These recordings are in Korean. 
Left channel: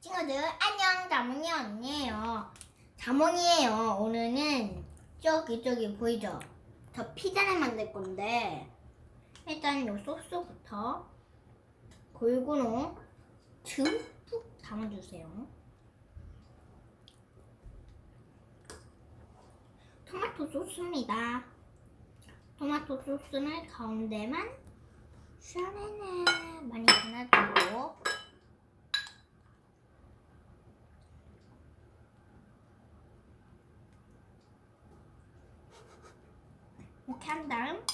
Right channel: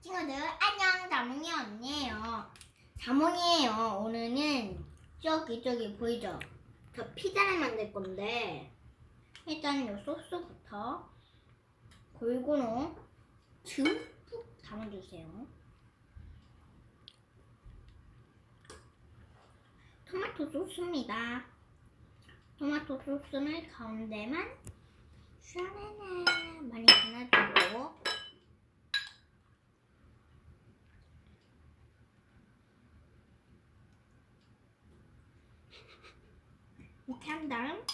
친구들 안녕 자몽이 언니예요. 자몽이에요. 오늘은 저기 저기 보이죠? 저 피자를 만들 건데 일단 요 소스부터 골고루 듬뿍 담아주세요. 토마토 소스입니다. 토마토 소스는 가운데만 샤네네 많이 발라주고 다음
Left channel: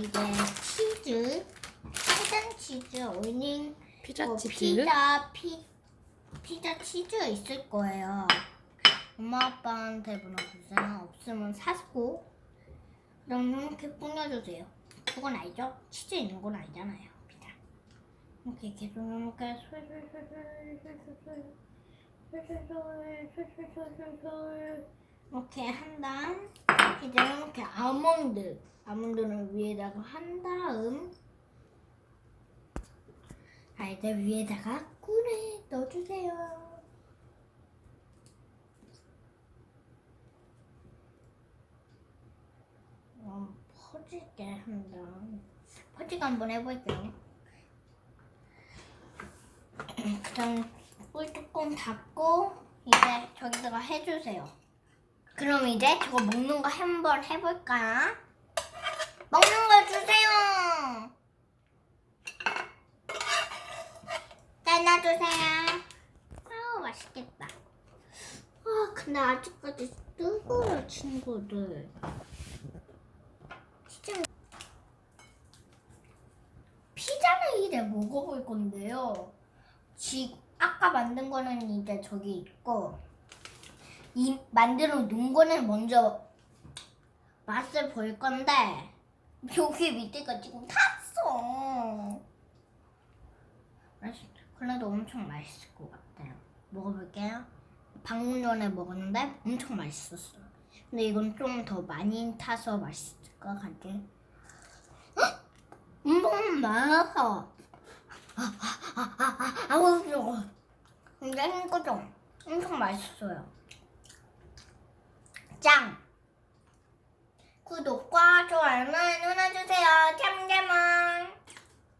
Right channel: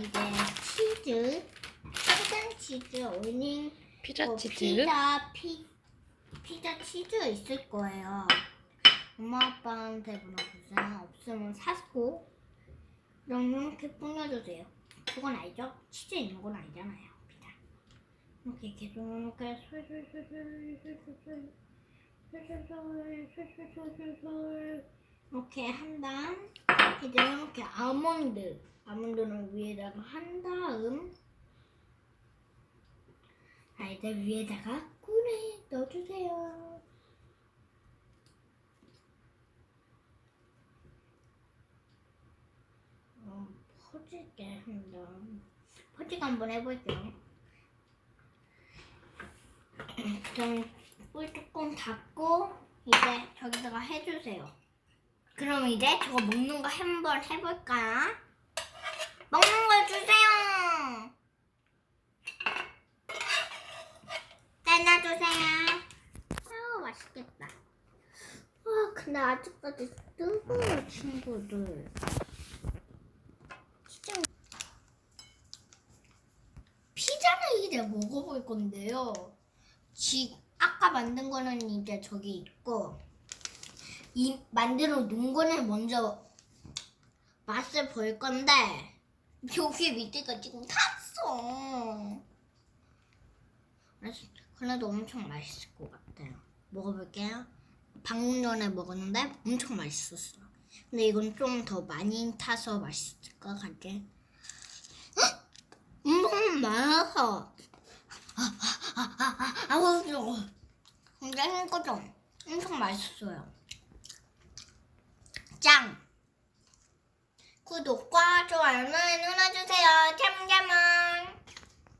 이제 치즈 빨간 치즈 올린 피자 뭐 치즈. 피자 피 피자 치즈 있을 거예요. 엄마 아빠한테 물어보세요. 없으면 사고 그럼 이렇게 뿌려주세요. 그건 알죠? 치즈 있는 건 알잖아요. 피자. 이렇게 계속 이렇게 솔솔솔솔솔솔솔 솔솔솔솔솔솔솔 이렇게 한 다음 이제 이렇게 아몬드 아몬드를 위에다가 한 다음 아 이제 위에다가 꿀에 넣어주세요. 어, 퍼지게 한다. 퍼지게 한번 해볼게요. 그다음 꿀 뚜껑 닫고 이제 저기다가 해주세요. 그럼 이제 저거 먹는 거 한번 해볼까? 먹는 걸 주세요. 잘라 주세요. 아우 맛있겠다. 아 근데 아직까지 뜨거워 친구들. 피자를 이제 먹어볼 건데요. 지 아까 만든 거는 이제 저기 있고 이 만들어 놓은 거는 먼저 맛을 볼 건데 여기 밑에가 지금 탔어. 그래도 엄청 맛있을 것 같아요. 먹어볼게요. 방금 전에 먹었는데 엄청 맛있었어. 근데 이건 좀 더 많이 타서 맛있을 것 같아. 엄청 많아서. 아우 저거. 근데 이거 좀 엄청 맛있어요. 짱! 구독과 좋아요는 눌러주세요.